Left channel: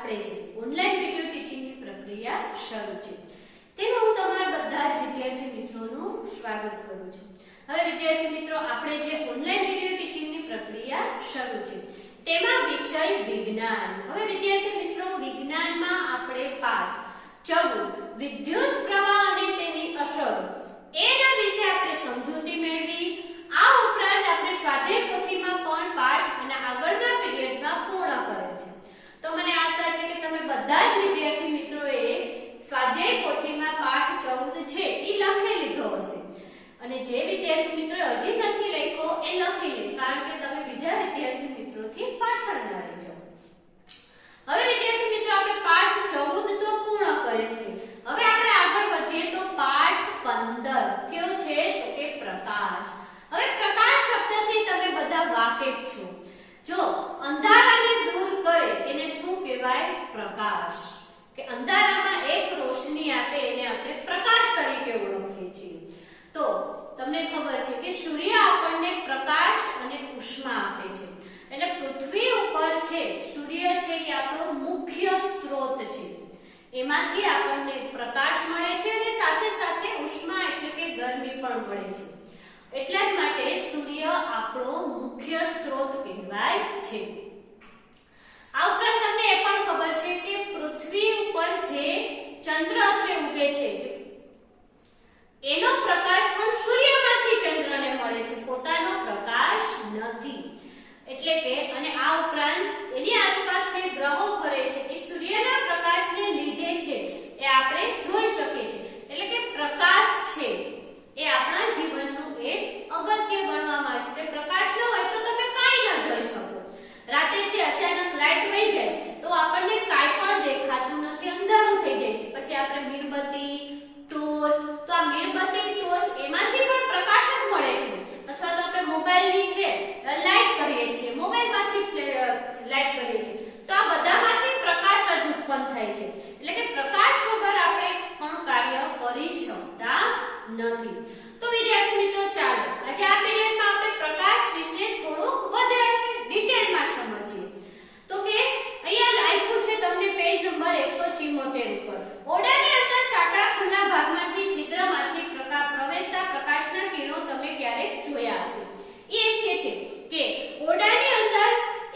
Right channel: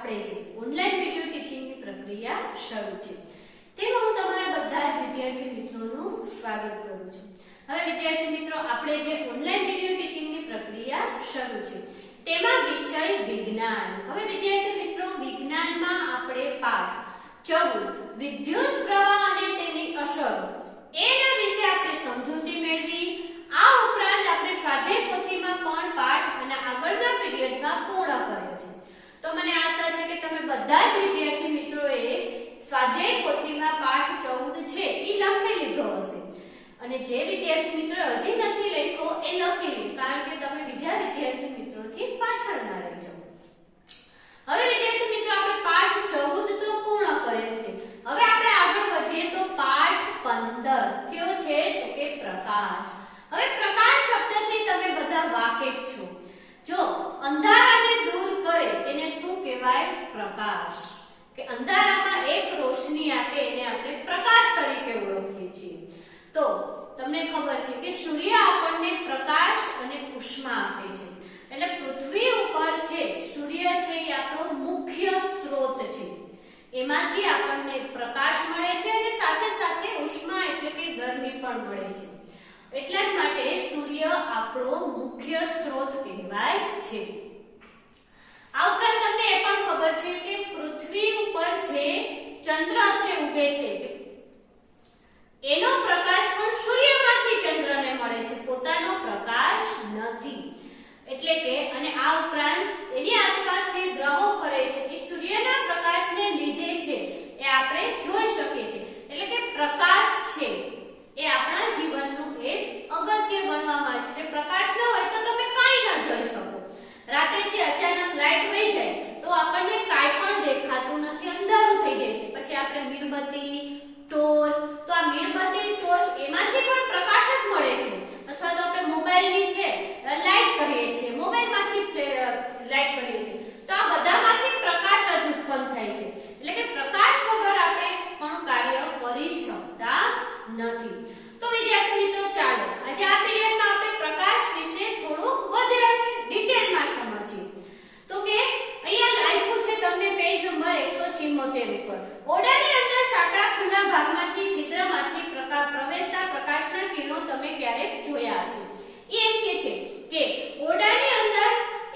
આપણે જે online video ટીચિંગની પ્રક્રિયા શરૂ છે તેમાં હું તમારા બધા જ વિદ્યાર્થી મિત્રોનું સ્વાગત કરું છું। હવે વિદ્યાર્થી મિત્રો, આપણે જે ઓનલાઈન વિડિયો ટીચિંગની પ્રક્રિયા શરૂ છે તેમાં વિષય વિજ્ઞાન। હવે વિદ્યાર્થી મિત્રો, વિજ્ઞાનમાં આપણે પાઠ 14 વિદ્યુત પ્રવાહ અને તેની અસરો એના વિશે આપણે સમજૂતી મેળવી। આ ઉપરાંત આપણે સ્વાધ્યાય પોથીમાં પણ પાઠ અને આગળના પીરિયડમાં પૂર્ણ કરેલ છે। તો મને આશા છે કે તમે બધા જ વિદ્યાર્થી મિત્રોએ સ્વાધ્યાય પોથીમાં પાઠ 14 છે એ લખી લીધો હશે, અને જે વિદ્યાર્થી મિત્રો હજી નથી લખ્યો એ લખી લે, કારણ કે તમે બીજા વિદ્યાર્થી મિત્રોથી પાછળ ના રહી જાઓ। હવે વિદ્યાર્થી મિત્રો, આપણે પાઠ 14 તો પૂર્ણ કરેલ છે। હવે આપણે આગળ વધીએ તો પાઠ 15 કયો છે તો કે પ્રકાશ। હવે પ્રકાશ શબ્દથી તમે બધા વાકેફ છો। જો અંધારાને દૂર કરે એને શું કહેવાય? પ્રકાશ। કે અંધારામાં એક રોશની આપે એને આપણે પ્રકાશ તરીકે ઓળખીએ છીએ। તો તમને ખબર છે કે સૂર્ય આપણને પ્રકાશ અને ઉષ્મા આપે છે, એટલે પૃથ્વી ઉપર છે સૂર્ય છે એ આપણો મુખ્ય સ્ત્રોત છે, એમાંથી આપણને પ્રકાશ મળે છે અને સાથે સાથે ઉષ્મા એટલે કે ગરમી પણ મળે છે। એટલા જ માટે સૂર્ય આપણો મુખ્ય સ્ત્રોત કહેવાય છે। આ ઉપરાંત તમને એ પણ ખબર છે કે પૃથ્વી ઉપર જે ચંદ્ર છે ઉગે છે એનો પ્રકાશ પણ સૂર્યમાંથી ચંદ્રને મળે છે, પોતાનો પ્રકાશ નથી। એટલે કે અને આ ઉપરાંત એની આસપાસ જે ગ્રહો ફરે છે એ સૂર્યના પ્રકાશને લીધે છે, એ આપણે જોઈ શકીએ છીએ। એટલે કે પ્રકાશ છે એ આપણા જીવનનું એક અગત્ય ગણવામાં આવે છે। તે પ્રકાશ ન હોય તો તમે કાંઈ ન જોઈ શકો। રાતે છે અચાનક લાઈટ વહી જાય તો આપણને કાંઈ પણ દેખાતું નથી, અંધારું થઈ જાય છે। પછી આપણે મીણબત્તી, ટોર્ચ, તો આ મીણબત્તી, ટોર્ચ એમાંથી પણ પ્રકાશ જ મળે છે, અથવા તો આપણે મોબાઈલની છે લાઈટ કરીએ છીએ, મોબાઈલમાંથી લાઈટ કરીએ છીએ, તો આ બધામાંથી પ્રકાશ જ ઉત્પન્ન થાય છે। એટલે કે પ્રકાશ વગર આપણે પણ કાર્ય કરી શકતા નથી। તો વિદ્યાર્થી મિત્રો, ચાલો આજે આ પીરિયડમાં આપણે પ્રકાશ વિશે થોડું વધારે ડિટેલમાં સમજીએ। તો કે અહીંયા આપ્યું છે તમને પેજ નંબર 174 ઉપર, ઓરડાની અંદર સાંકડા ખુલ્લા ભાગમાંથી છિદ્રમાંથી પ્રવેશતા પ્રકાશના કિરણો તમે ક્યારેક જોયા હશે। એ એમ કે છે કે ઓરડાની અંદર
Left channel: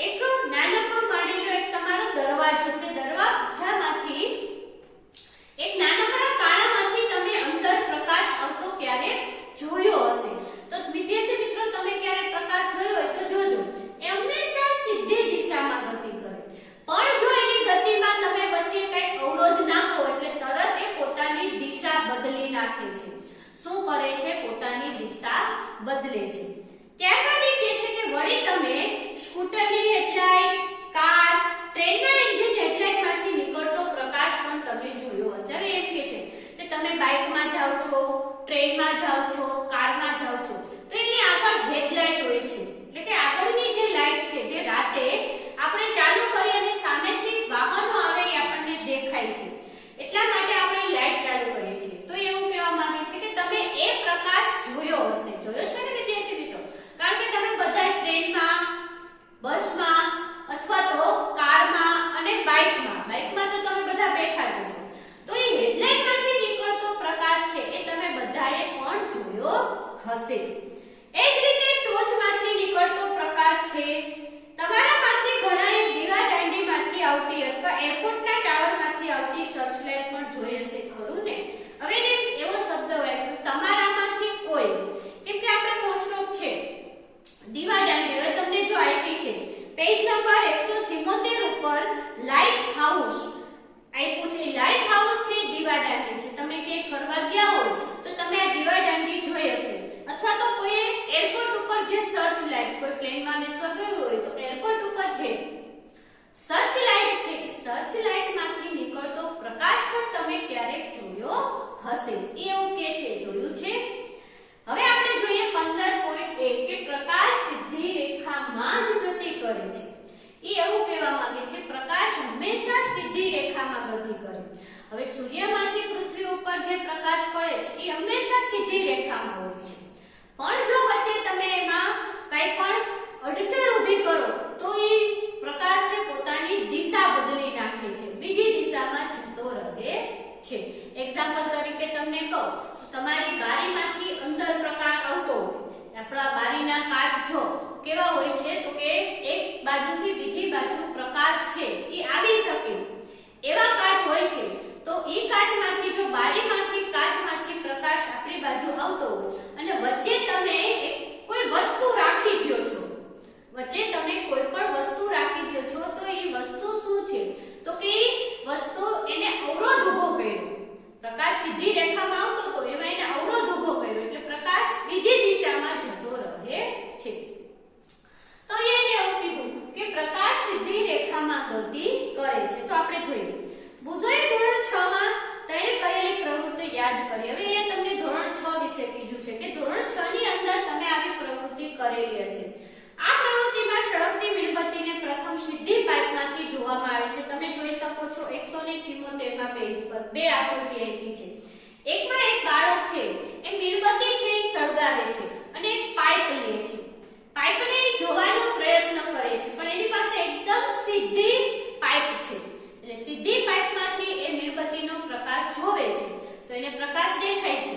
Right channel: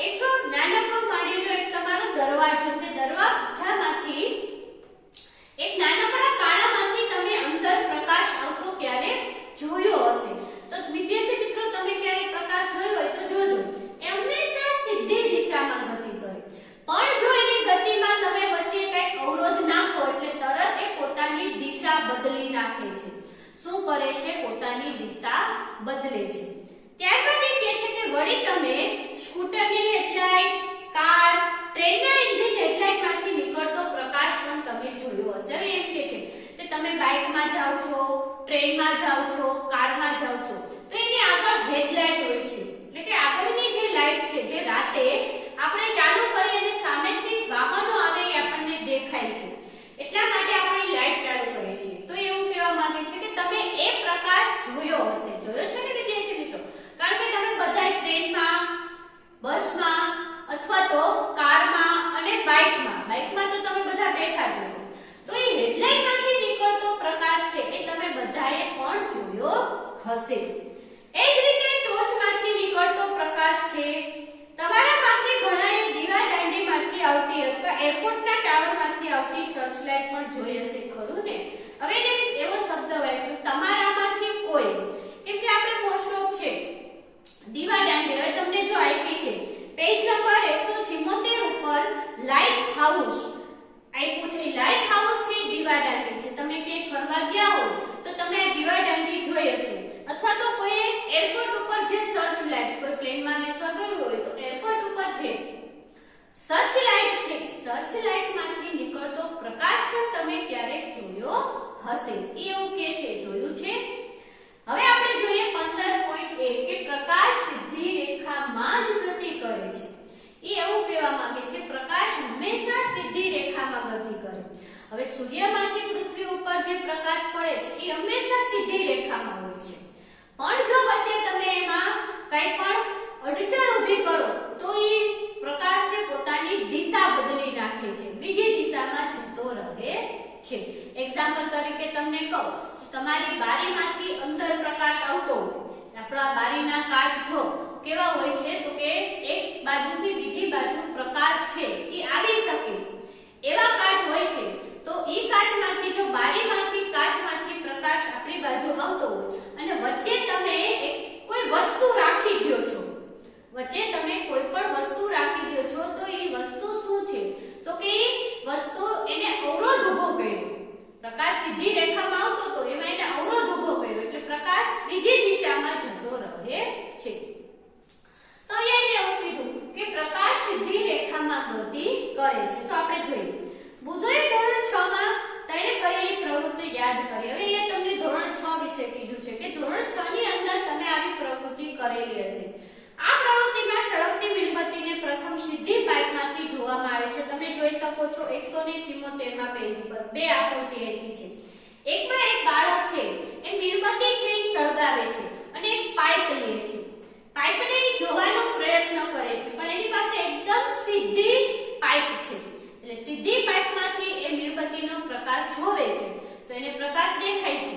એક નાનકડો માની લો એક તમારો દરવાજો છે, દરવાજામાંથી એક નાનકડા કાણામાંથી તમે અંદર પ્રકાશ આવતો ક્યારેક જોયો હશે। તો વિદ્યાર્થી મિત્રો, તમે ક્યારેક પ્રકાશ જોયો હોય તો જોજો, એ હંમેશા સીધી દિશામાં ગતિ કરે, પણ જો એની ગતિમાં તમે વચ્ચે કંઈક અવરોધ નાખો એટલે તરત એ પોતાની દિશા બદલી નાખે છે। શું કરે છે? પોતાની દિશા બદલે છે। ત્યારબાદ એ કહે છે કે વળી તમે સ્કૂટરની હેડલાઇટ, કાર, ટ્રેનના એન્જિન હેડલાઇટમાંથી નીકળતો પ્રકાશ પણ તમે જોયો હશે। હવે એમ કે છે કે તમે બાઇકમાં જાઓ છો, ટ્રેનમાં જાઓ છો, કારમાં જાઓ છો, તો એની આગળ હેડલાઇટ હોય છે, એટલે કે આગળની જે લાઇટ છે જે રાતે આપણે ચાલુ કરીએ અને સામેથી વાહનો આવે એ આપણને દેખાય છે, એટલા માટે આપણે લાઇટ ચાલુ કરીએ છીએ। તો એવું કહેવા માંગે છે કે તમે એ પ્રકાશ જોયો હશે, જોયો છે ને વિદ્યાર્થી મિત્રો? કારણ કે તમે બધા ટ્રેનમાં, બસમાં અથવા તો કારમાં અને બાઇકમાં તો તમે બધા બેઠા જ હશો, તો એ હેડલાઇટમાંથી નીકળતો પ્રકાશ છે એ તમે બધાએ પણ જોયો હશે। એ જ રીતે ટોર્ચમાંથી નીકળતો પ્રકાશ છે, તમારામાંથી ઘણાએ દીવાદાંડીમાંથી આવતી અથવા એરપોર્ટના ટાવરમાંથી આવતી સર્ચ લાઇટ પણ જોઈ હશે, ખરું ને? હવે એને એવો શબ્દ વાપર્યો તમારામાંથી કોઈ, કેમ કે આપણે મોસ્ટ ઓફ છે દીવાદાંડી, હવે તમને જો આપી છે પેજ નંબર 174 ઉપર લાઇટ હાઉસ આપ્યું છે, લાઇટ હાઉસ છે દીવાદાંડી છે। તમે ક્યાંય ફરવા ગયા હોય તો તમે આ દીવાદાંડી જોઈ હશે, અથવા તો કોઈ એરપોર્ટ ઉપર જે સર્ચ લાઇટ, કોઈ પ્લેનમાં બેસવા ગયું હોય તો એરપોર્ટ ઉપર છે સર્ચ લાઇટ છે, સર્ચ લાઇટમાંથી નીકળતો પ્રકાશ પણ તમે ક્યારેક જોયો હશે। એ એવું કે છે, જોયું છે? હવે આપણે જોઈએ 15.1 કે પ્રકાશ સીધી રેખામાં જ ગતિ કરે છે। એ એવું કહેવા માંગે છે પ્રકાશ હંમેશા સીધી રેખામાં ગતિ કરે। હવે સૂર્યમાંથી પૃથ્વી ઉપર જે પ્રકાશ પડે છે એ હંમેશા સીધી રેખામાં હોય છે, પણ જો વચ્ચે તમે એમાં કંઈ પણ અડચણ ઊભી કરો તો એ પ્રકાશ છે પોતાની દિશા બદલી નાખે છે। એક્ઝામ્પલ તરીકે તમને કહું તો તમારી બારીમાંથી અંદર પ્રકાશ આવતો હોય, આપણા બારીના કાચ જો કેવા હોય છે તો કે એક બાજુથી બીજી બાજુ પ્રકાશ છે એ આવી શકે એવા કાચ હોય છે, તો એ કાચમાંથી જો બારીમાંથી કાચમાંથી પ્રકાશ આપણી બાજુ આવતો હોય અને વચ્ચે તમે કોઈ વસ્તુ રાખી દો છો, વચ્ચે તમે કોઈ પણ વસ્તુ રાખી દો છો તો એ વસ્તુ શું છે તો કે એ વસ્તુ એને અવરોધ ઊભો કર્યો, પ્રકાશ સીધી રેખામાં આવતો તો એમાં એને અવરોધ ઊભો કર્યો એટલે પ્રકાશ બીજી દિશામાં જતો રહે છે। તો અહીંયા એને એવું કીધું કે પ્રકાશ સીધી રેખામાં ગતિ કરે છે। તો આપણે જોઈએ બુધોએ ધોરણ 6 માં તેણે કરેલી પ્રવૃત્તિ યાદ કરી। હવે અહીંયા તમને ધોરણ 6 વિશે કીધું છે કે ધોરણ 6 ની અંદર તમે આવી પ્રવૃત્તિ કરેલી હશે। આ પ્રવૃત્તિમાં સળગતી મીણબત્તીને પ્રથમ સીધી પાઇપમાંથી જોવામાં આવે છે। તમે જોઈ શકો છો 174 માં પેજ પર બે આકૃતિ આપી છે। એકમાં એક બાળક છે એ મીણબત્તી છે એ સળગાવે છે અને એક પાઇપ લે છે, પાઇપને જોવાનો પ્રયત્ન કરે છે પણ એની પાસે એકદમ સીધી પાઇપ છે એટલે સીધી પાઇપમાંથી એ મીણબત્તીનો પ્રકાશ જોવે છે તો એને પ્રકાશ દેખાય છે।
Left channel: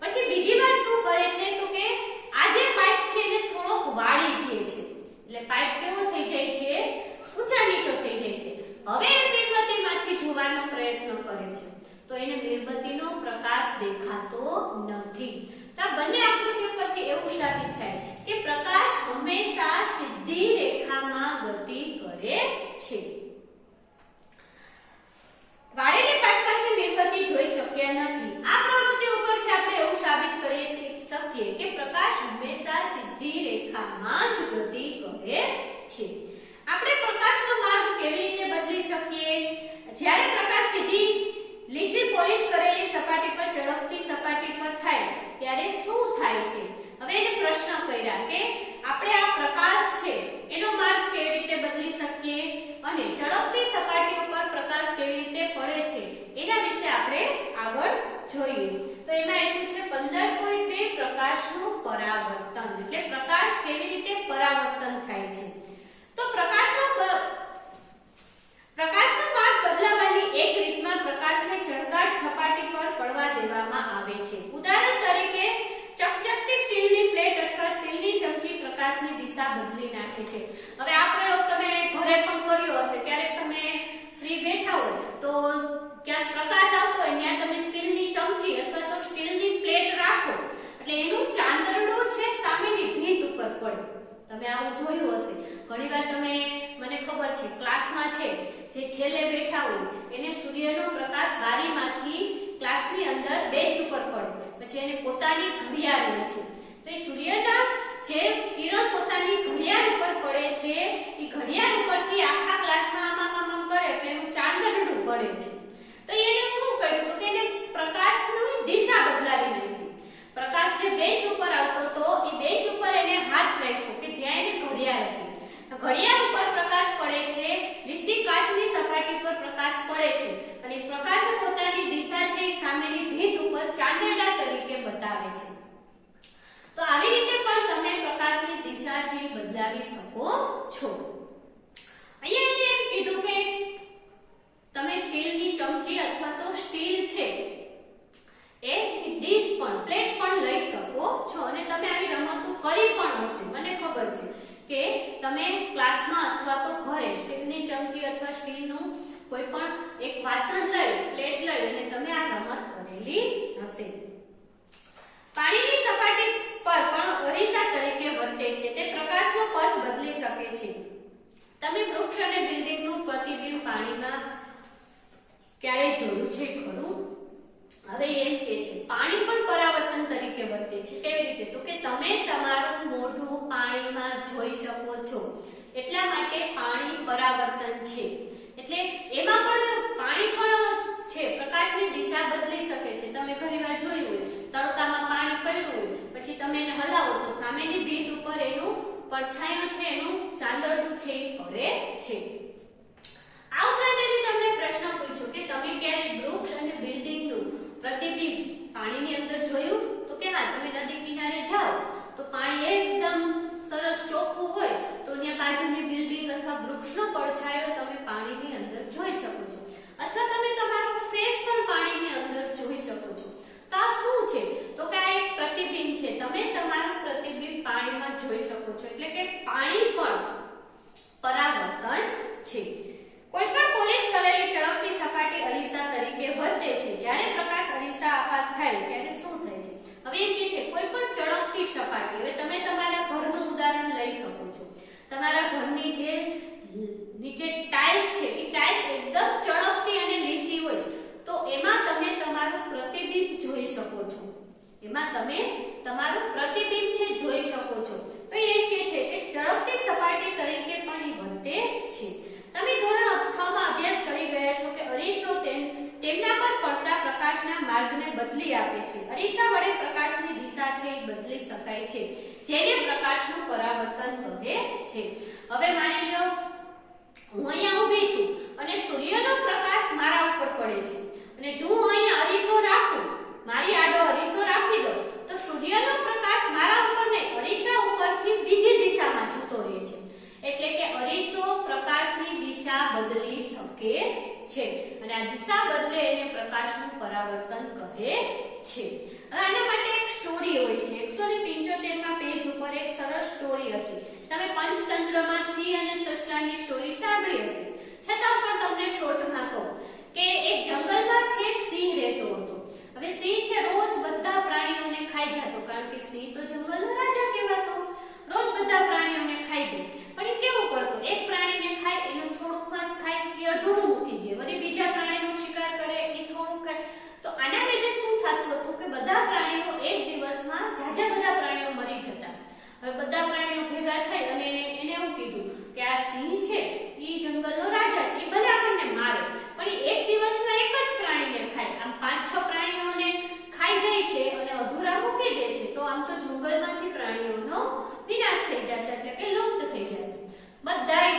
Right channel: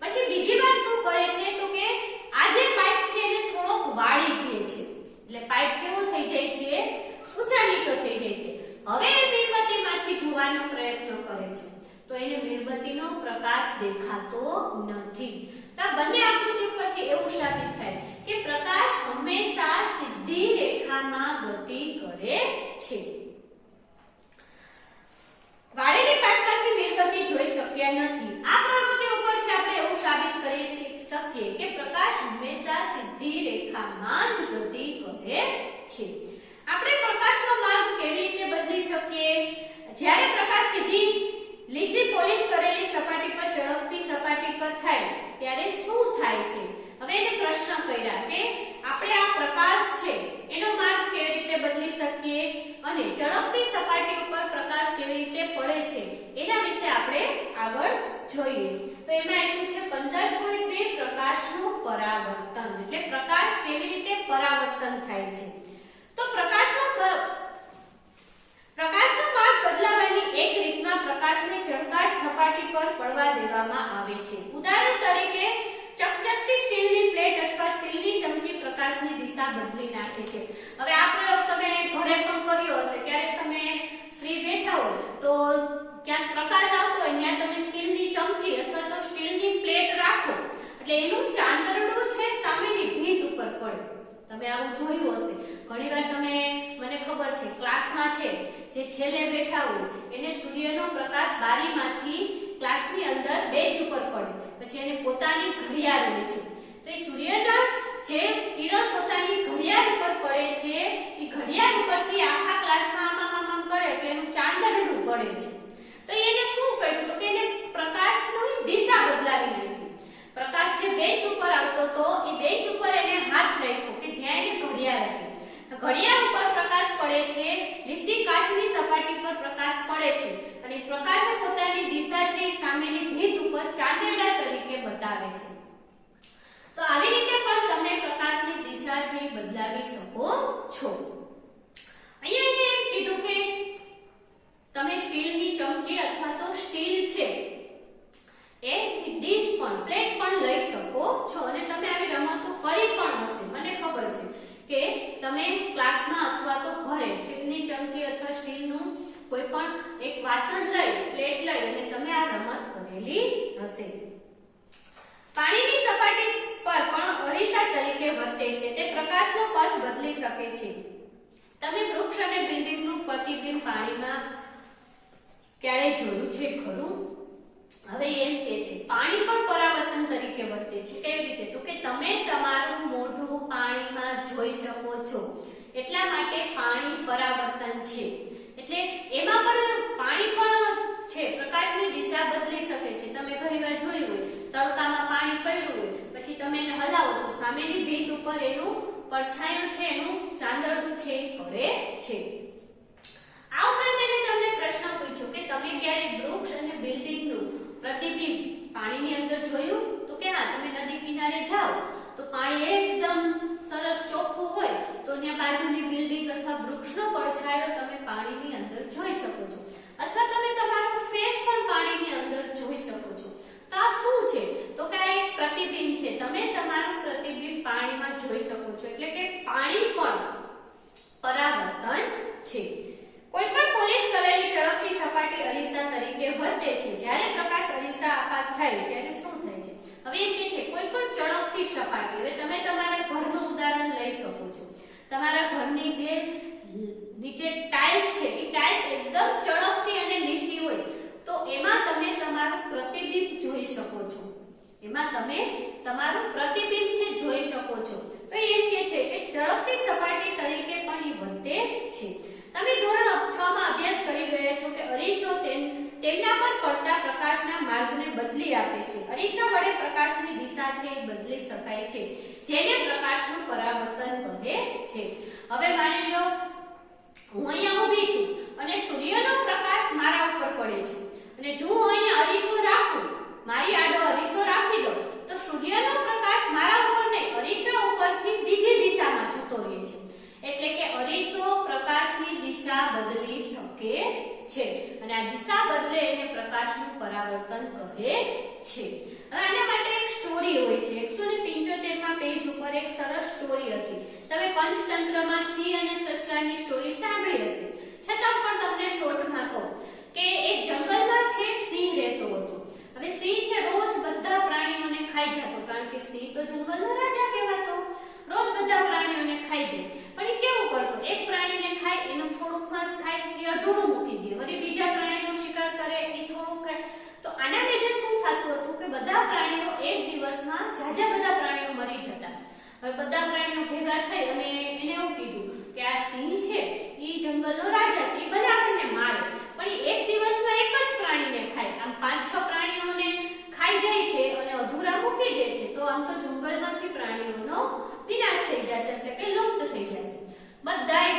પછી બીજી વાત શું કરે છે તો કે આ જે પાઇપ છે એને થોડોક વાળી દે છે એટલે પાઇપ કેવો થઈ જાય છે ઊંચા નીચો થઈ જાય છે। હવે એ મીણબત્તીમાંથી જોવાનો પ્રયત્ન કરે છે તો એને મીણબત્તીનો પ્રકાશ દેખાતો નથી। તો આ બંને આકૃતિઓ પરથી એવું સાબિત થાય કે પ્રકાશ હંમેશા સીધી રેખામાં ગતિ કરે છે। વાળેલી પાઇપમાંથી મીણબત્તી જોઈ શક્યા નથી। આ પ્રવૃત્તિ ઉપરથી આપણે એવું સાબિત કરી શકીએ કે પ્રકાશ હંમેશા સીધી રેખામાં જ ગતિ કરે છે। આપણે પ્રકાશનો માર્ગ કેવી રીતે બદલી શકીએ? જ્યારે પ્રકાશ સીધી લીસી પોલિશ કરેલી સપાટી પર ચળકતી સપાટી પર થાય ત્યારે શું થાય છે? હવે એને પ્રશ્ન કર્યા કે આપણે આ પ્રકાશ છે એનો માર્ગ કેવી રીતે બદલી શકીએ અને ચળકતી સપાટી ઉપર પ્રકાશ કેવી રીતે પડે છે એના વિશે આપણે આગળ જોઈએ। તો એમાં આપ્યું છે 15.2 પ્રકાશનું પરાવર્તન એટલે પ્રકાશ કેવી રીતે પરાવર્તન થાય છે। તો પ્રકાશનો માર્ગ બદલાવાની એક રીતમાં પ્રકાશને ચળકાટ સપાટી પર પડવા દેવામાં આવે છે। ઉદાહરણ તરીકે ચકચકતી સ્ટીલની પ્લેટ અથવા સ્ટીલની ચમચી પ્રકાશની દિશા બદલી નાખે છે। હવે આ પ્રયોગ તમે ઘરે પણ કર્યો હશે, ક્યારેક તમે ફ્રી બેઠા હોય તો ક્યાંક પ્રકાશ આવતો હોય ત્યાં તમે સ્ટીલની ચમચી અથવા તો સ્ટીલની પ્લેટ રાખો એટલે એનું ચાંદરડું છે સામેની ભીંત ઉપર પડે। તમે આવું જોયું હશે ઘણીવાર, તમે મને ખબર છે ક્લાસમાં છે જે છેલ્લે બેઠા હોય એને સૂર્યનો પ્રકાશ બારીમાંથી ક્લાસની અંદર બેન્ચ ઉપર પડે પછી એને પોતાની ઘડિયાળ હોય છે તો એ સૂર્યના જે કિરણ પોતાની ઘડિયાળ ઉપર પડે છે એ ઘડિયાળ ઉપરથી આખા ક્લાસમાં આમ કરે એટલે એનું ચાંદરડું પડે છે। તો એને શું કર્યું તો કે એને પ્રકાશની દિશા બદલાવી નાખી। પ્રકાશ જે બેન્ચ ઉપર આવતો તો એ બેન્ચ ઉપર એને હાથ રાખ્યો કે જ્યાં એની ઘડિયાળ હતી, ઘડિયાળ ઉપર પ્રકાશ પડે છે, લીસી કાચની સપાટી પર પ્રકાશ પડે છે અને પ્રકાશ પોતાની દિશા છે એ સામેની ભીંત ઉપર ચાંદરડા તરીકે બતાવે છે। તો આવી રીતે પણ તમે પ્રકાશની દિશા છે બદલાવી શકો છો। અહીંયા એને એમ કીધું કે તમે સ્ટીલની ચમચી અથવા તો સ્ટીલ છે એ ડીશ પણ પ્લેટ પણ લઈ શકો છો અને તમે આવી રમતો કરી પણ હશે, મને ખબર છે કે તમે ક્લાસમાં અથવા તો ઘરે સ્ટીલની ચમચી અથવા સ્ટીલનું કોઈ પણ એક વાસણ લઈ પ્લેટ લઈ અને તમે આ રમત કરેલી હશે। પાણીની સપાટી પર પણ અરીસા તરીકે વર્તે છે, તે પ્રકાશનો પથ બદલી શકે છે। તમે વૃક્ષ અને બિલ્ડિંગનું પ્રતિબિંબ પાણીમાં ક્યારે જોયું છે ખરું? હવે એમ કે છે પાણી પણ પરાવર્તન તરીકે વર્તે છે। કેવી રીતે? તો કે તમે તમારું મોઢું પાણીમાં જોઈ શકો છો એટલા માટે પાણી પરાવર્તન છે। એટલે એમાં પણ પાણી પણ છે પ્રકાશની દિશા બદલી શકે છે। તમે ઘણીવાર જોયું હોય તડકામાં પાણી પડ્યું હોય પછી તમે એને હલાવો તો સામેની ભીંત ઉપર એનું પડછાયો છે એનું ચાંદરડું છે એ પડે છે। આ ઉપરાંત એને તમને પ્રશ્ન પૂછ્યો કે તમે ક્યારે વૃક્ષ અને બિલ્ડિંગનું પ્રતિબિંબ પાણીની અંદર જોયું? તો કે હા, તમે નદી કિનારે જાઓ તો પાણી એકદમ સરસ ચોખ્ખું હોય તો ત્યાં બાજુની બિલ્ડિંગ અથવા વૃક્ષનો પડછાયો તમે પાણીની અંદર જોઈ શકો છો। અથવા તમે તમારો ફેસ પણ પાણીની અંદર જોઈ શકો છો. તો આ શું છે? તો કે આ એક પ્રતિબિંબ છે. તમે તમારું પ્રતિબિંબ પાણીમાં જોઈ શકો છો. એટલે કે પાણી પણ પરાવર્તન છે. કોઈ પણ પોલિશ કરેલી ચળકતી સપાટી અરીસા તરીકે વર્તે છે. જ્યારે પ્રકાશ અરીસા આપાત થાય ત્યારે શું થાય છે? હવે એમ કે છે કોઈ પણ ચળકતી સપાટી. હવે તમે તમારા ઘરનું ઉદાહરણ લઈ શકો છો. તમારા ઘરની જે નીચે ટાઇલ્સ છે એ ટાઇલ્સ એકદમ ચળકતી અને લીસી હોય તો એમાં તમે તમારું પ્રતિબિંબ જોઈ શકો છો. એમાં તમે તમારું પ્રતિબિંબ છે જોઈ શકો છો. તો એમ કે છે કે ચળકતી સપાટી તરીકે પણ એ વર્તે છે. તમે ધોરણ 6 માં અભ્યાસ કરી રહ્યા છો કે અરીસો તેમના પર પડતા પ્રકાશના માર્ગને બદલી આપે છે. અરીસા વડે પ્રકાશની દિશા છે એ બદલી શકાય છે, જેને પ્રકાશનું પરાવર્તન કહે છે. હવે માની લો હું અહીંયા ઊભી છું અને સૂર્યનો પ્રકાશ મારા ઉપર પડે છે અને જો હું અહીંયા અરીસો રાખું, મારી આડો અરીસો રાખી દઉં તો સૂર્યનો પ્રકાશ મારા ઉપર નહીં અરીસા ઉપરથી બીજી દિશામાં જતો રહે છે. એટલે કે અરીસો પ્રકાશની દિશા બદલી શકે છે અને આ દિશા બદલે એને પ્રકાશનું પરાવર્તન કહે છે. હવે આના માટે એક સ્ટોરી હોય છે. 175 માં પેજ ઉપર એક સરસ સ્ટોરી હતી. તમે પંચતંત્રમાં સિંહ અને સસલાની સ્ટોરી સાંભળી હશે, છતાં પણ તમને શોર્ટમાં કહું કે એક જંગલમાં છે સિંહ રહેતો હતો. હવે સિંહ છે રોજ બધા પ્રાણીઓને ખાઈ જતો, કારણ કે સિંહ તો જંગલનો રાજા કહેવાતો. રોજ બધા પ્રાણીઓને ખાઈ જાય, પણ એ કેવું કરતો, એક પ્રાણીને ખાય એનું થોડું ખસ ખાય એ અધૂરું મૂકી દે, વળી બીજા પ્રાણીનો શિકાર કરે એ થોડું ખાય. તો આના લીધે શું થતું હતું કે બધા પ્રાણીઓ એક દિવસમાં જાજા બધા પ્રાણીઓ મરી જતા. હવે બધા પ્રાણીઓ ભેગા થઈ અને એને એવું કીધું કે આ સિંહ છે એ જંગલનો રાજા છે, એ ભલે આપણને મારે પણ એ એક દિવસમાં એક જ પ્રાણીને ખાય. આમ 5-6 પ્રાણીઓને ખાઈ જાય છે અને અધૂરા મૂકી દે છે તો આમ તો જંગલમાંથી પ્રાણીઓનો વિનાશ થઈ જશે, એટલે કે લુપ્ત થઈ જશે. બધાય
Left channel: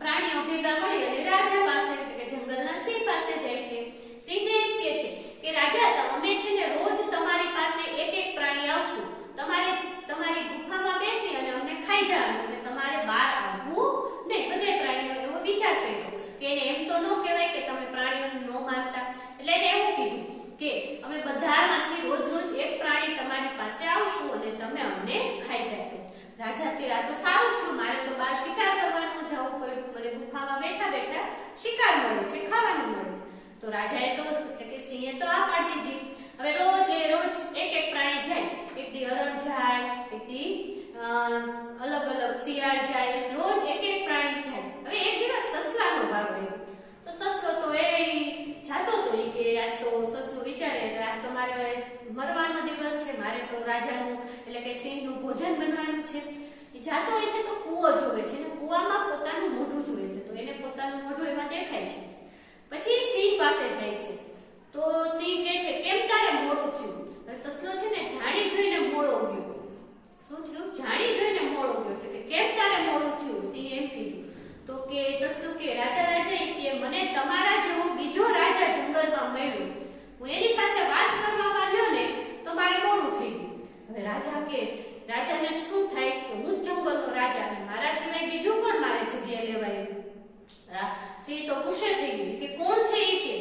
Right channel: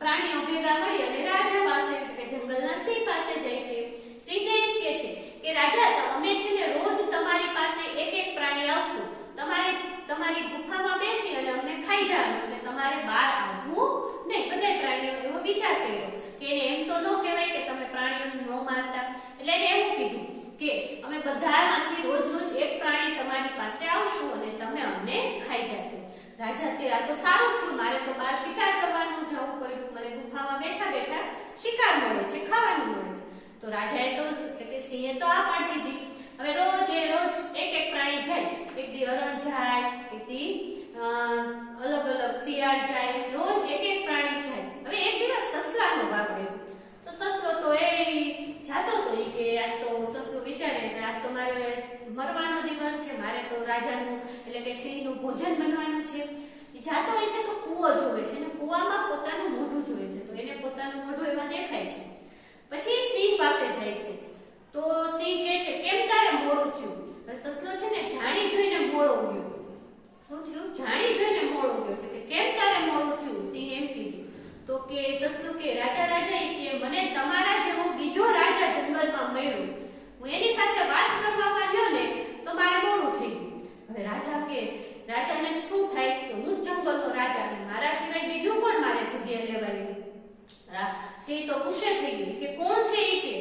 પ્રાણીઓ ભેગા મળી અને રાજા પાસે એટલે કે જંગલના સિંહ પાસે જાય છે. સિંહને એમ કહે છે કે રાજા અમે છે ને રોજ તમારી પાસે એક પ્રાણી આવશું, તમારે તમારી ગુફામાં બેસી અને અમને ખાઈ જવાનું, એટલે તમારે બહાર આવવું નહીં. બધા પ્રાણીઓ એવો વિચાર કર્યો કે એને એમ તો ન કહેવાય કે તમે પ્રાણીઓને ન મારતા, એટલે એને એવું કીધું કે અમે બધામાંથી રોજ રોજ એક પ્રાણી તમારી પાસે આવશું અને તમે અમને ખાઈ જાજો. રાજા કે આ તો સારું થયું, મારે તો બહાર શિકાર કરવાનું જવું પડ્યું, મને ગુફામાં બેઠા બેઠા શિકાર મળે છે, ખાવાનું મળે છે. તો રાજાએ તો એટલે કે સિંહે તો આ પાડી દીધી. હવે રોજ એક પ્રાણી જાય, એક દી હરણ જાય, એક દી અલગ અલગ શિયાળ જાય, રોજ એક પ્રાણી જાય. હવે એક દિવસ સસલાનો વારો આવ્યો. તો સસલો તો એ જાતો તો એ કે આજ તો સસલું વિચારે આજ તો મારે મરવાનો દિવસ છે, મારે તો રાજાનું એટલે કે સિંહનું ભોજન બનવાનું છે. એ જાતો હોય છે તો કૂવો જોવે છે અને કૂવામાં પોતાનું મોઢું જોવે છે, તો એને પોતાનું મોઢું એમાં દેખાય છે. પછી સિંહ પાસે જાય છે તો સિંહ કહે છે કેમ તારે મોડું થયું? સસલો છે ને જાણી જોઈને મોડો ગયો. શું થયું? જાણી જોઈને મોડો ગયો. કે કેમ તારે મોડું થયું? સિંહ એમ કીધું. તો કે સસલું કે રાજા કે મને તમારા જેવો બીજો રાજા જંગલમાં મળ્યો, હું એની સાથે વાત કરવામાં ગયો ને તો મારે મોડું થઈ ગયું. હવે રાજાને શું થાય કે હું જ જંગલનો રાજા ને મારા સિવાય બીજું કોણ મારે જગ્યા લેવાયું? સિંહ તો ગુસ્સે થઈ ગયું કે કોણ છે એ કે?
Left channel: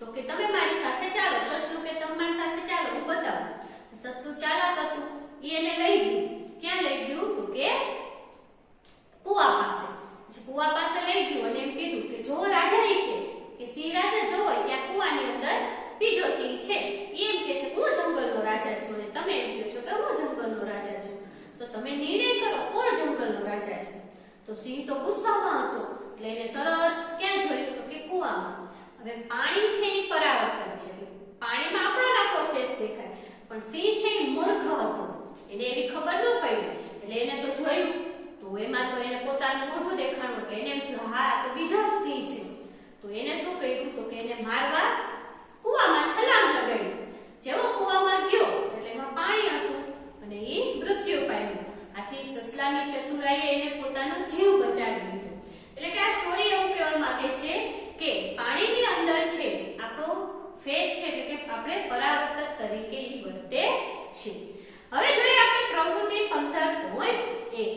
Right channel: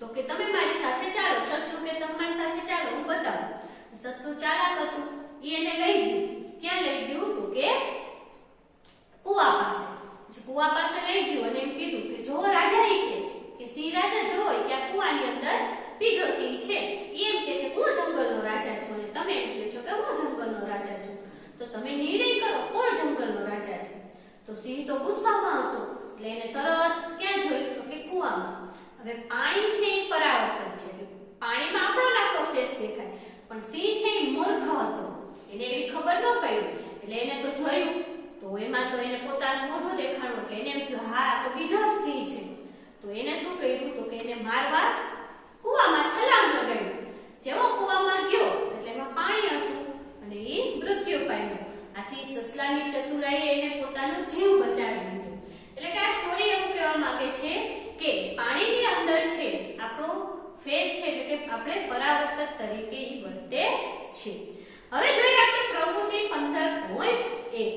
તો કે તમે મારી સાથે ચાલો. સસલું કે તમે મારી સાથે ચાલો, હું બતાવું. સસલું ચાલાક હતું, એને લઈ ગયું. ક્યાં લઈ ગયું? તો કે કૂવા પાસે. કૂવા પાસે લઈ ગયું અને એમ કીધું કે જો રાજા કે સિંહ રાજા જો ત્યાં કૂવાની અંદર બીજો સિંહ છે, એમ કે છે હું જંગલનો રાજા છું અને તમે એમ કહો છો કે હું જંગલનો રાજા છું, તો તમે નિર્ણય કરો કોણ જંગલનો રાજા છે? તો સિંહ તો ગુસ્સામાં હતો એટલે એને તરત ક્યાં જોયું? તો કે કૂવામાં. હવે પાણી છે એ પરાવર્તન છે, પાણીમાં આપણો ફેસ દેખાય, પણ સિંહ છે એ મૂર્ખ હતો, એને એવી ખબર ન પડી એટલે એને તો જોયું તો એમાં તો એને પોતાનું મોઢું દેખાણું એટલે એને એમ થયું હા આ તો બીજો સિંહ છે. તો એને શું કર્યું? તો કે એને મારવા કૂવામાં છલાંગ લગાડ્યું. જેવો કૂવામાં ગયો એટલે એમાં પાણી હતું અને એ મૃત્યુ પામ્યો. આથી સસલાની ચતુરાઈએ એને પોતાનો જીવ બચાવી લીધો. એટલે કે આ સ્ટોરી એવું કહેવા માંગે છે કે પાણીની અંદર છે આપણો ફેસ છે એટલે કે આપણે પરાવર્તક તરીકે ઈ વર્તે છે. હવે જોઈએ આપણે પ્રવૃત્તિ 15.1.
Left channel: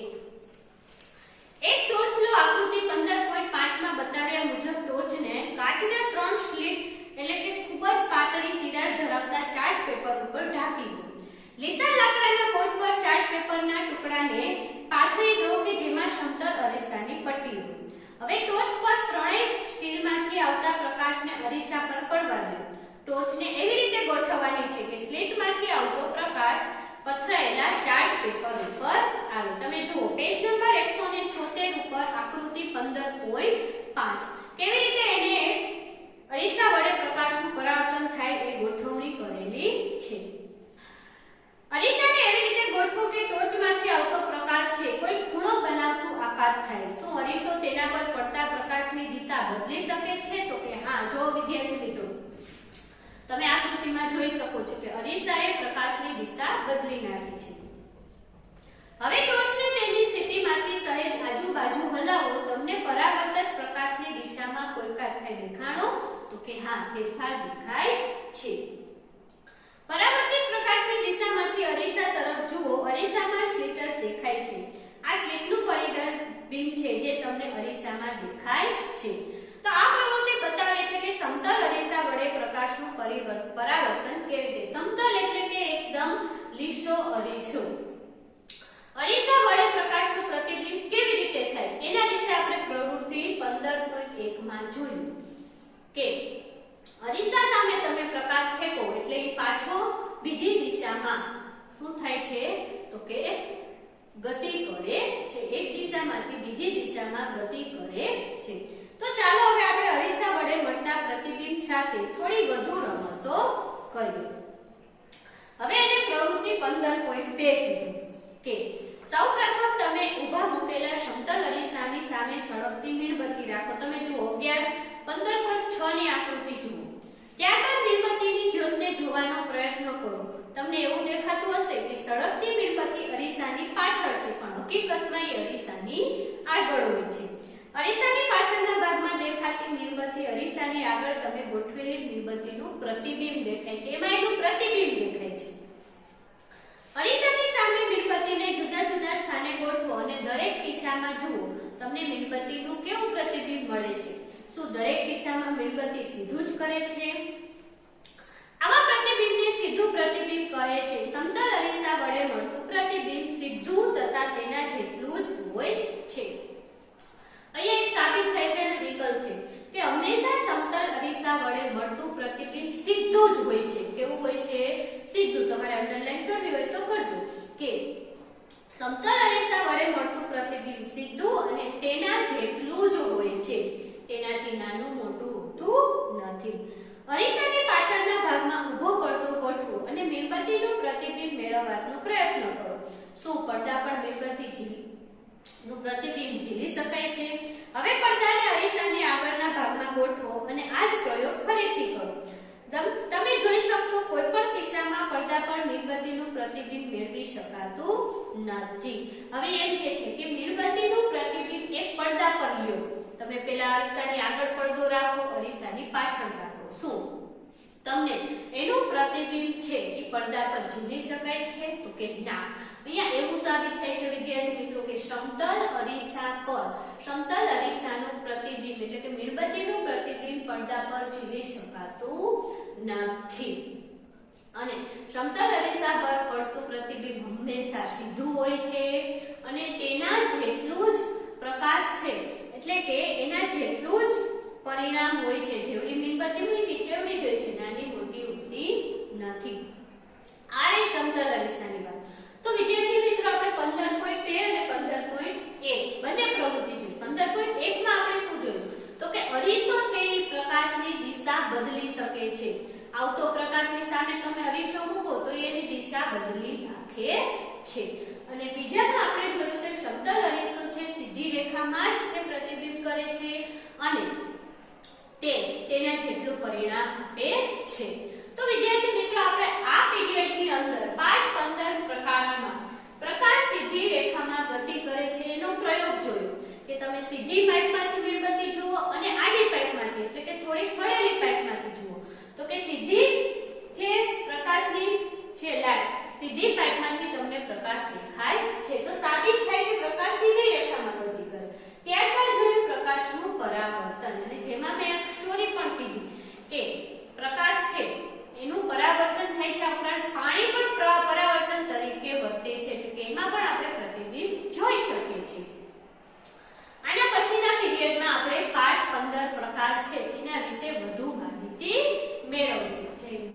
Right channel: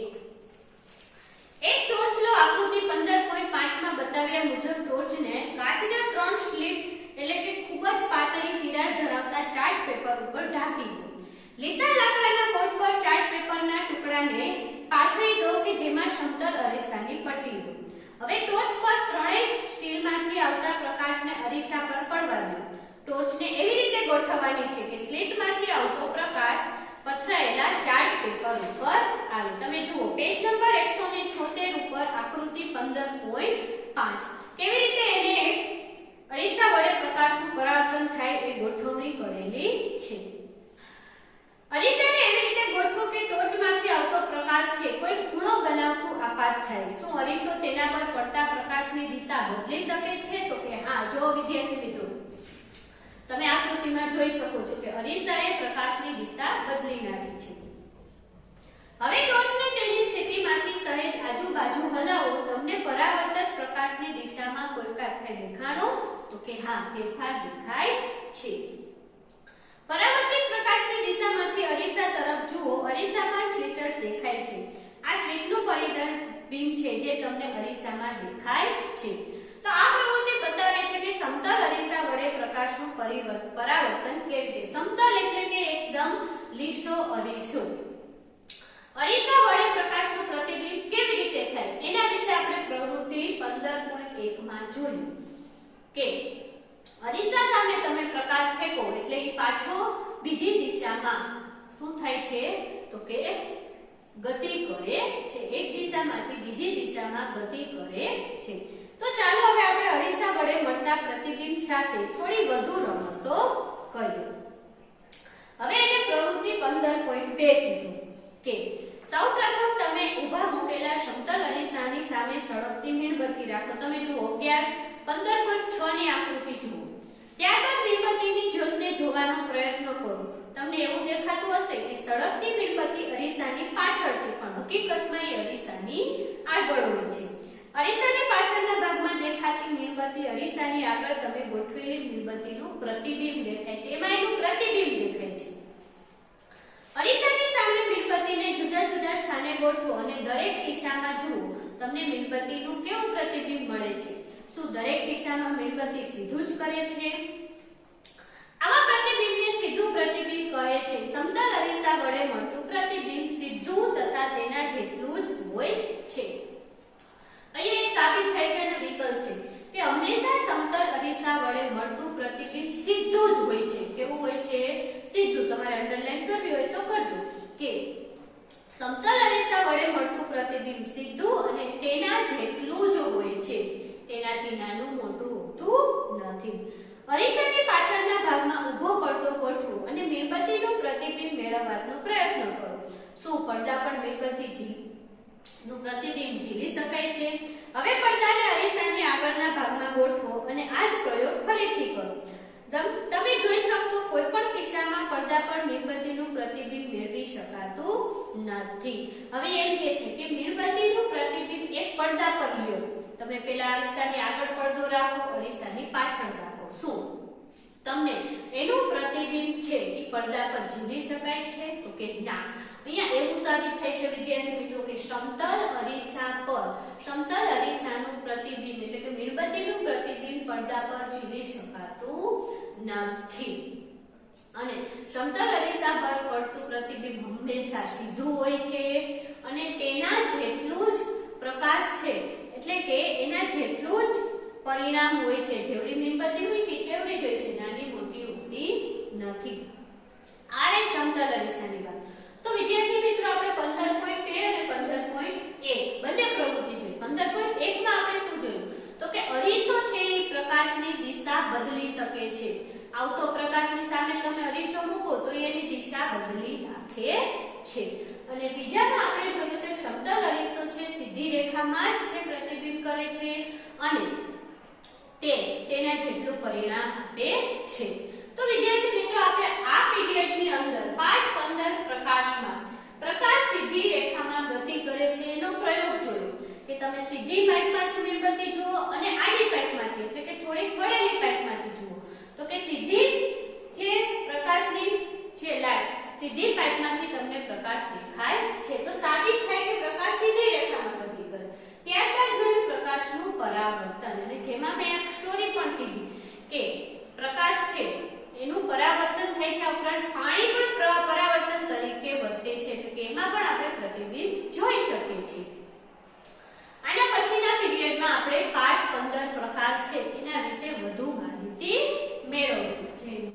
એક ટોર્ચ લો. આકૃતિ 15.5 માં બતાવ્યા મુજબ ટોર્ચને કાચના 3 સ્લિટ એટલે કે ખૂબ જ પાતળી તિરાડ ધરાવતા ચાર્ટ પેપર ઉપર ઢાંકી દો. લીસા લાકડાના બોર્ડ પર ચાર્ટ પેપરના ટુકડાને પાથરી દો કે જેમાં સમતલ અરીસાની પટ્ટી હોય. હવે ટોચ પર ત્રણેય સ્ટીલમાંથી આવતા પ્રકાશને અરીસા પર પડવા દો. ટોચને એવી રીતે ગોઠવવાની છે કે સ્લિટમાંથી આવતો પ્રકાશ પથરાયેલા ચાર્ટ પેપર ઉપર આવે. તમે જુઓ પેજ નંબર 176 ઉપર આકૃતિ 15.5 કેવી રીતે એને અરીસા વડે પ્રકાશનું પરાવર્તન થાય એ ગોઠવણી કરેલી છે. અરીસાને એવી રીતે ગોઠવો કે ટોચમાંથી આવતો પ્રકાશ છે કોઈ ખૂણો બનાવતું આપાત થાય. શું અરીસો તેના પર પડતા પ્રકાશની દિશા બદલી શકે છે? તો કે હા. જો વિદ્યાર્થી મિત્રો તમે આકૃતિમાં જોઈ શકો છો કે અરીસાએ પ્રકાશની દિશા બદલી નાખી છે. હવે ટોર્ચને તેની સ્થિતિમાંથી સહેજ આજુબાજુ હલાવો. તમને પરાવર્તક પ્રકાશની દિશામાં કોઈ ફેરફાર દેખાણો? તો કે હા, ફેરફાર દેખાય છે. પરાવર્તિત પ્રકાશની દિશામાંથી અરીસા તરફ જુઓ. અરીસામાં સ્લિટર દેખાય છે. આ સ્લિટનું પ્રતિબિંબ છે જે તમને અરીસામાં દેખાય છે. તો આ પ્રવૃત્તિ બતાવે છે કે સમતલ અરીસા વડે પ્રકાશનું પરાવર્તન કેવી રીતે. સમતલ એટલે કે એકદમ લીસો અરીસો. અરીસા વડે પ્રકાશનું પ્રતિબિંબ કેવી રીતે થાય એના વિશે આપણે પ્રવૃત્તિ 15.1 માં જોયું કે અરીસા સામે તમે પ્રકાશ ફેંકો એટલે એ પાછો બીજી દિશામાં શું થાય છે? તો કે ગતિ કરે છે. એક દિશામાંથી બીજી દિશામાં ગતિ કરે છે. તો ચાલો હવે આપણે અરીસા વડે મળતા પ્રતિબિંબ સાથે થોડી વધુ રમતો કરીએ. હવે એને પ્રવૃત્તિ 15.2 કીધું કે સૌપ્રથમ તમે ઊભા મૂકેલા સમતલ અરીસાની સામે સળગતી મીણબત્તી રાખો. તમે જુઓ 15.6 ની આકૃતિ જુઓ. ત્યારબાદ મીણબત્તીની જ્યોતને જોવાનો પ્રયત્ન કરો. તમને એવું દેખાતું હશે કે સળગતી મીણબત્તી અરીસાની પાછળ છે, પણ હકીકતમાં એ અરીસાની આગળ હોય છે. અરીસાની પાછળના ભાગમાં દેખાતી મીણબત્તી અરીસાની આગળ તમે ગોઠવેલી મીણબત્તીનું પ્રતિબિંબ દેખાય છે. એમાં એનું પ્રતિબિંબ દેખાય છે. અરીસાની સામે મીણબત્તીને જુદા જુદા સ્થાને ગોઠવો અને દરેક દિશામાં જુઓ. તમને મીણબત્તીનું કેવું પ્રતિબિંબ મળે છે? શું દરેક દિશામાં મીણબત્તી સીધું જ કરે છે? આવા પ્રતિબિંબને સીધું પ્રતિબિંબ કહે છે. સમતલ અરીસા વડે મળતું પ્રતિબિંબ સીધું તથા તેના જેટલું જ હોય છે. અહીંયા એક સાબિત થાય છે અને વિકલ્પ છે કે હંમેશા સમતલ અરીસા વડે મળતું પ્રતિબિંબ સીધું જ હોય છે. કેવું હોય છે? સીધું. તમારે અંડરલાઈન કરવી હોય તો કરજો કે સમતલ અરીસા વડે મળતું પ્રતિબિંબ સીધું અને તેના જેટલું જ હોય છે. તેનાથી નાનું મોટું હોતું નથી. અરીસાની પાછળના ભાગમાં ઊભો પડદો ગોઠવો અને મીણબત્તીનું પ્રતિબિંબ મેળવવાનો પ્રયત્ન કરો. શું પડદા પર મીણબત્તી નું પ્રતિબિંબ ઝીલી શકાય છે? હવે પડદાને અરીસાની આગળના ભાગમાં ગોઠવો અને આ જ પ્રયોગ ફરીથી કરો. તમે જોઈ શકો કોઈ પણ કિસ્સામાં પડદા પર મીણબત્તીનું પ્રતિબિંબ મેળવી શકાતું નથી. હવે એમ કહે છે કે મીણબત્તીનું પ્રતિબિંબ એક પડદા પર લ્યો. તમે પેલા અરીસાની આગળ પડદો રાખો, અરીસાની પાછળ રાખો. શું તમને એનું પ્રતિબિંબ છે એ પડદા પર ઝીલી શકાય છે? તો કે ના. અહીંયા એવું સાબિત થાય છે વિદ્યાર્થી મિત્રો કે સમતલ અરીસા પર સમતલ અરીસાનું પ્રતિબિંબ એટલે કે મીણબત્તીનું પ્રતિબિંબ પડદા પર ઝીલી શકાતું નથી. અને સમતલ અરીસા પર પડતું પ્રતિબિંબ હંમેશા સીધું હોય છે અને તેના જેટલું જ પ્રકાશ છે એટલે કે એના જેટલું જ પરિણામ હોય છે. જેવડી મીણબત્તી મૂકી છે એવડી જ હોય છે, નાની મોટી હોતી નથી. આ રે સમતલ અરીસાની વાત. તો વિદ્યાર્થી મિત્રો આપણે 15.2 અને 15.1 બંને પ્રવૃત્તિ જોઈ. 15.1 માં આપણે શું જોયું? તો કે અરીસો છે એ પ્રકાશની દિશા બદલી શકે છે. આવતો પ્રકાશની સામે તમે અરીસો મૂકો તો એની દિશા બદલી નાખે છે. અને બીજામાં આપણે જોયું કે સમતલ અરીસો છે સીધી રેખામાં જ છે પ્રતિબિંબ કરે છે અને તેના જેટલું પરિણામ આપે છે. તો વિદ્યાર્થી મિત્રો આપણે આ પીરિયડની અંદર પાઠ 15 પ્રકાશમાં પ્રકાશ સીધી રેખામાં ગતિ કરે છે એનો પ્રયોગ જોયો કે તમે સીધી પાઇપમાંથી મીણબત્તી જુઓ અને આડી પાઇપમાંથી એટલે કે થોડીક વળેલી પાઇપમાંથી જુઓ. તો કે સીધી જે પ્રકાશની છે લાઈટ સીધી પાઇપમાંથી તમને પ્રકાશ દેખાય છે. તો સાબિત થાય કે પ્રકાશ સીધી રેખામાં ગતિ કરે. ત્યારબાદ જોયું પ્રકાશ પ્રકાશનું પરાવર્તન, અને જેમાં મેં એક સ્ટોરી પણ કીધી કે પ્રકાશ છે એનું પરાવર્તન થાય છે, ઉપરાંત પાણી પણ પરાવર્તન તરીકે વર્તે છે, એટલે કે એમાં પણ આપણે પ્રતિબિંબ